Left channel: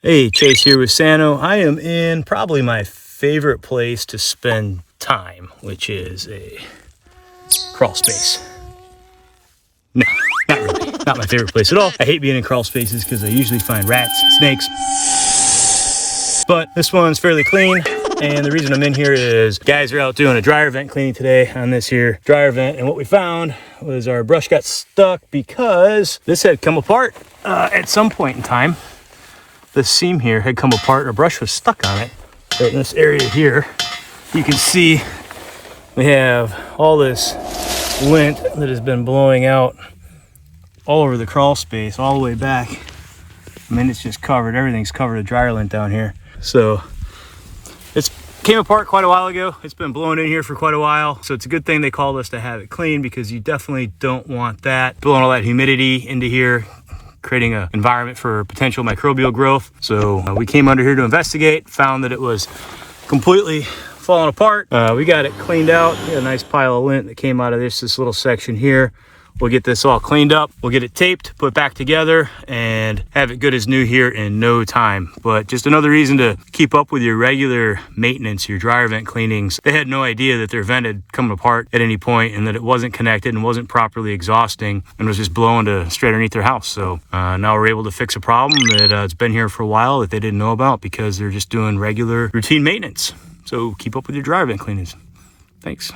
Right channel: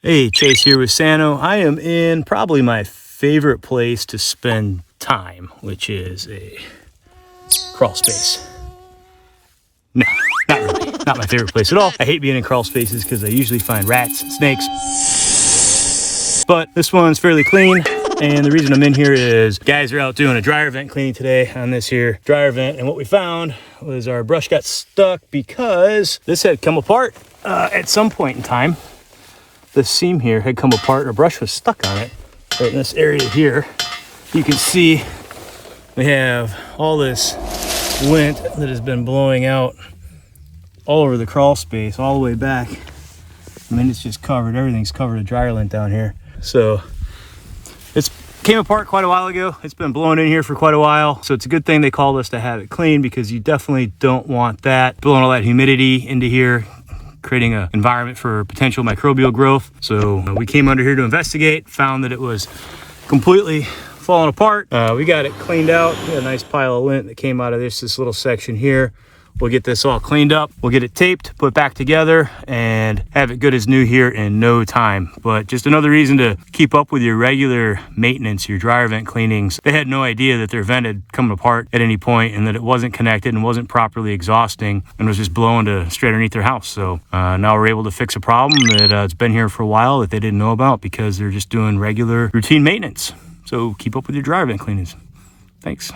Hey, Chase here with Sano. I am in probably my favorite place to spend time, which is a crawl space. No, not really. Not my favorite place at all. I hate being in crawl spaces because I usually find rats and snakes. But this one's fairly clean. And the reason I'm in here is guys are out doing a dryer vent cleaning today on this here dryer vent. And what we found was our brush got stuck because this had come apart at some point in time. This seam here had come apart, our brush was stuck on it. But in this area here, you can see we have all this lint that has been blowing out all over the crawl space, all the way back. I mean, it's just covered, everything's covered with dryer lint down here. So it's came apart quite a while ago. It's been blowing in here for quite a while. So it's a good thing they called us to have it clean, because you definitely don't want that blowing all that humidity into here, creating an environment for potential microbial growth. So we came under here to investigate, found that it was completely falling apart. We got it cleaned out. A nice pile of lint that came out of this little section here. We'll get this all cleaned up. We'll get it taped, put back together, and have it good as new here in no time. But just another reason to keep up with your regular maintenance, your dryer vent cleanings. They had no idea that their vent had come apart at any point, and that it wasn't connected and wasn't properly exhausting, and was just blowing to straight underneath their house. So now we're able to fix a problem that it's been here for a while that they didn't know about, because they're just doing regular routine maintenance. So keep up with your dryer vent cleanings. Thanks.